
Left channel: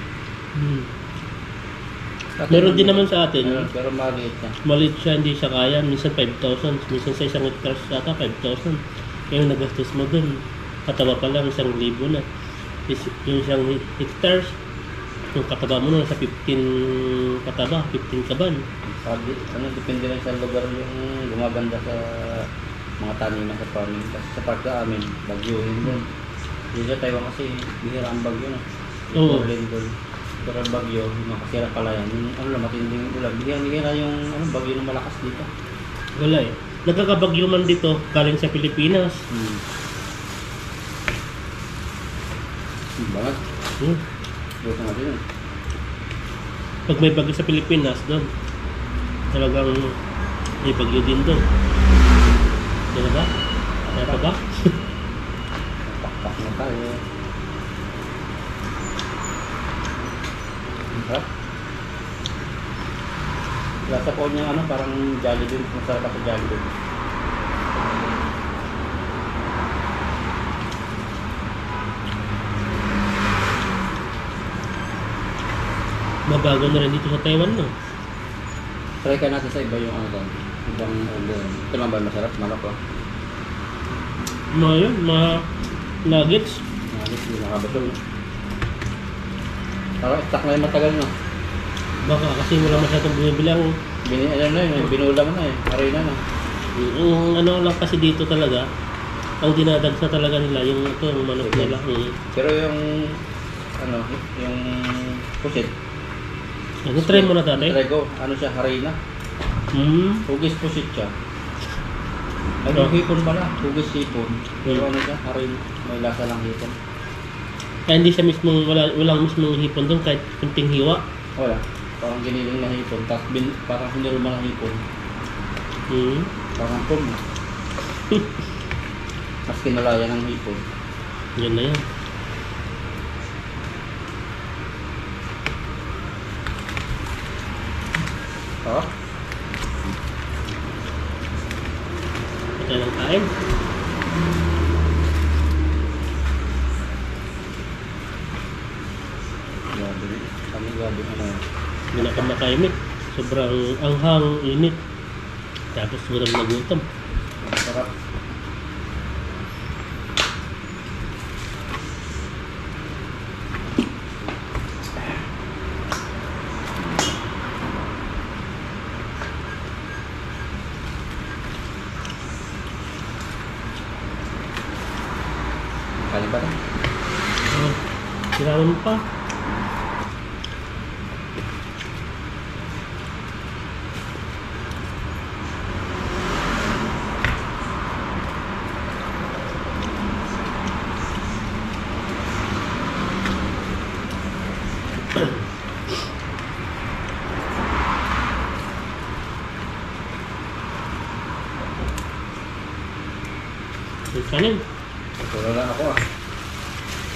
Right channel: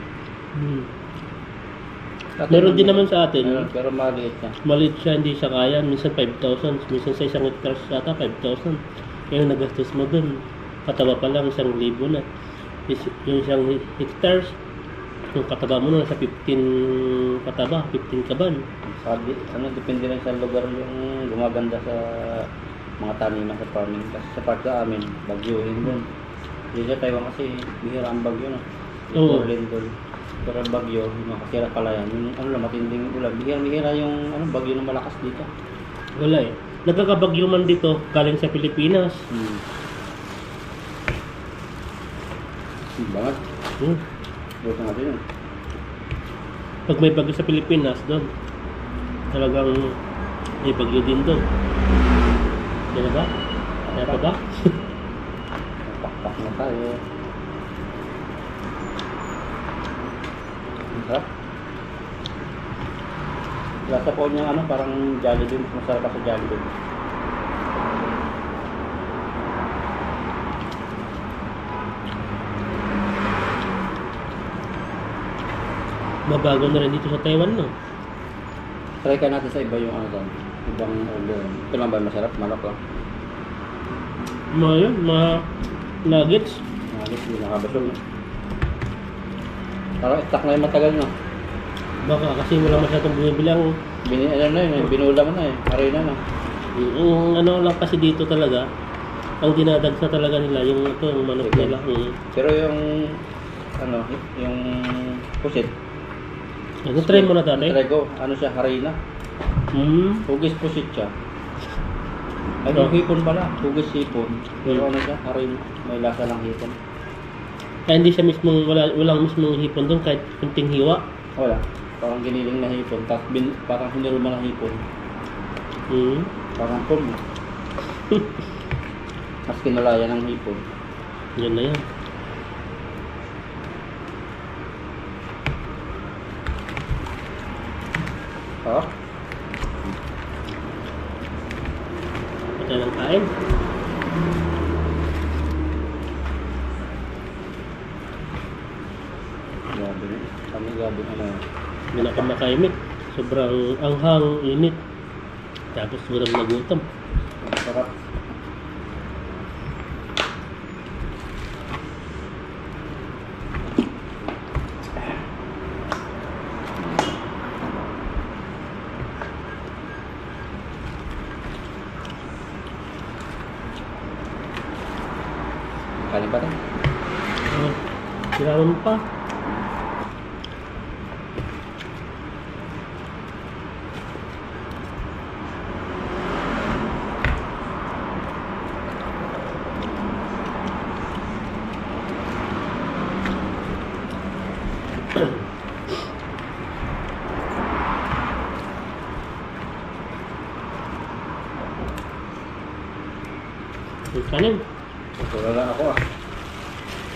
Meron din naman sa atin. Meron, pero maliit niya. Maliit siya, hindi siya kaya. Minsan 5,000, minsan sa isang hectare yata 5,000. Yung nagastos mo dun, kataba pa lang 1,000 na. Yung isang hectares, yung kataba mo na sa 15 kataba, 15 kaban. Sabi, ano, depende lang sa lugar yung gumaganda sa mga taniman sa farming. Kasi sa part ka amin, bagyuhin doon. Dito sa Taiwan kasi, bihira ang bagyo na. Oo. Doon. Pero bagyo, makasira pala yan. Yung ano lang, matinding ulan. Bihira yung ano, bagyo na malakas dito. Wala eh. Nagkakabagyo man dito, galing sa Pilipinas. Bangat. Buto nga din. Pag may bagyo sa Pilipinas, doon, talagang may bagyo din doon. Di ba? Kaya pa ba? Pakpak na tayo. Sarap. Lasa po niya ano, parang Jollibee. Masarap ako sa Jollibee. Mabago na rin dito sa Taiwan, no? Try ka natin sa iba yung ano doon. Ibang order. Ito lang ba masarap? Malak lang. Mga yun, mga nuggets. Halos hindi nakabatol. Parang stock na yung matagal na. Baka kasi wala masyadong binibilang. Ano na yun, binulam na eh. Arena na. Yung ano lang kasi dito talaga, ang dinadagsa talaga nila, yung ito, yung manok Sige. nila. Pero yung ano, yung pusit. Ano, try mo na dati? Try ko. Ano siya, harina. Hugis pusit siya. Ay, yung hipon pala. Hugis hipon. Pero ano siya, harina. May lasa ng hipon. Kaya hindi siya mismong, walang mismong hipon doon, kahit kunting hiwa. Wala. Parang giniling na hipon. Tapos parang hiniruma na hipon. Parang pum. Mas kinalaya ng hipon. Yan na yan. Ah? Ito lang kain. Grabe. Kami grabe ano. Hindi na ka makaimik. Sobrang anghang, init. Tapos gutom na gutom. Sarap. Kanin pa rin. Siraman pa. Yung kanin. Wala lang ako ah.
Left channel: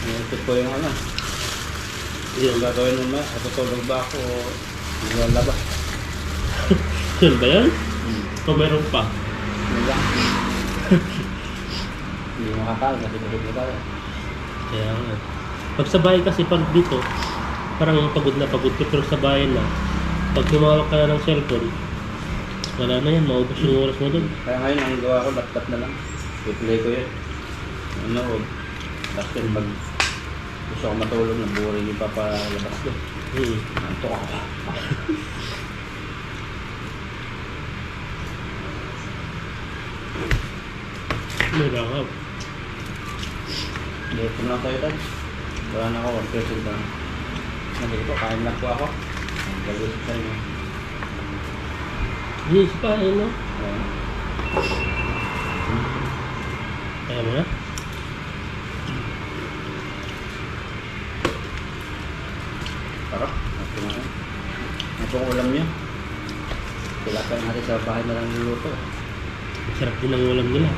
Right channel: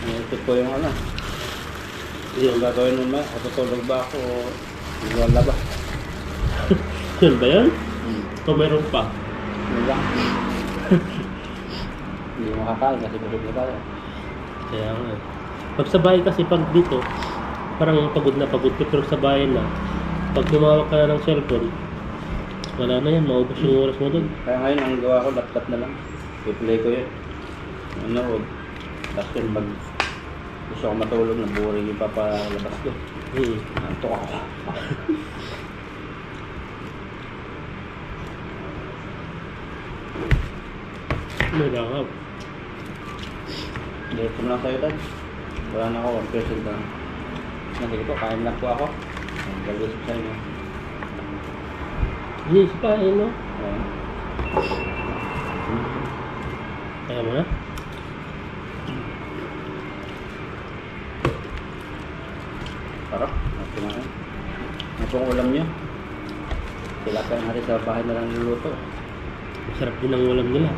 Naisip ko yung ano. Yun. Yung gagawin mo ba? Tutulog ba ako o wala ba? Yun ba yun? O meron pa? Yun lang. Hindi makakain kasi busog na tayo. Kaya nga. Pag sa bahay kasi, pag dito, parang pagod na pagod ka, pero sa bahay na, pag tumawag ka na ng cellphone, wala na yan, maubos yung oras mo doon. Kaya ngayon, ang gawa ko, laptop na lang. I-play ko yun. Ano, tapos yun, pag gusto ko matulog, naburing yung papalabas ko. Nantok ako. May langap. Dito na lang tayo, Tad. Wala na ako, 1% lang. Nandito ko, kain lang po ako. Ang gagawin sa inyo. Yes pa, no? Ayan. Kaya mo na? Sarap. At kumain. Ito ang ulam niya. Tilapia natin sa bahay na lang niluluto. Masarap din ang ulam nila.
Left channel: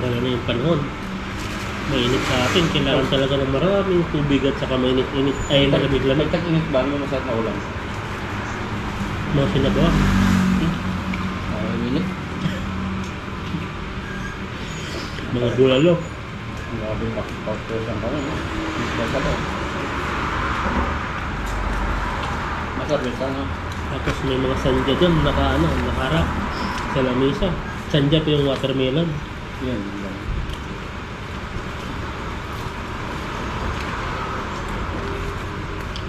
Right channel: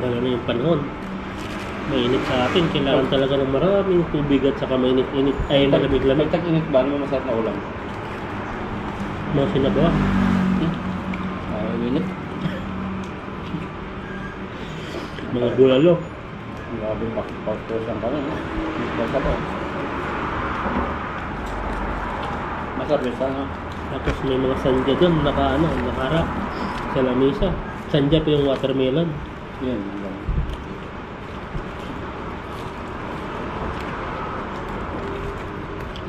Lalo na yung panahon. Mainit sa atin, kailangan talaga ng maraming tubig at saka mainit-init, ay malamig-lamig. Tag-init ba? Ano mo masarap na ulam? Mga sinabawa. Init. Mga bulalo. Grabe yung pakipag-person ka nun. Masarap ako. Masarap yun sana. Tapos may mga sandya doon, nakaharap sa lamesa. Sandya pa yung watermelon. Yun.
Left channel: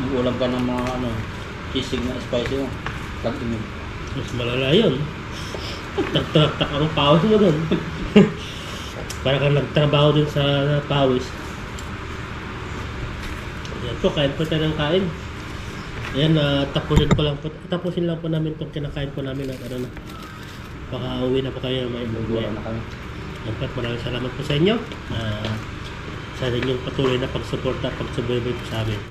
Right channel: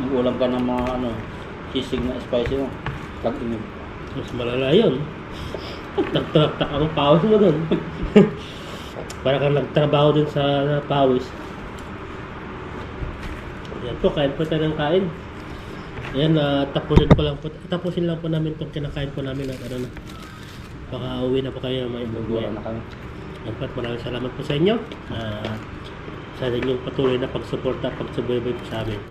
Yung ulam ka ng mga sisig na spicy mo. Tag-init. Mas malala yun. Tak-tak ang pawis mo doon. Para kang nagtrabaho din sa pawis. Yan po, kain po tayo ng kain. Ayan, tapusin lang po namin itong kinakain po namin at ano na. Baka uwi na po kayo may Nagura na kami. Yan po, at maraming salamat po sa inyo. Sa inyong patuloy na pagsuporta at pagsubaybay po sa amin.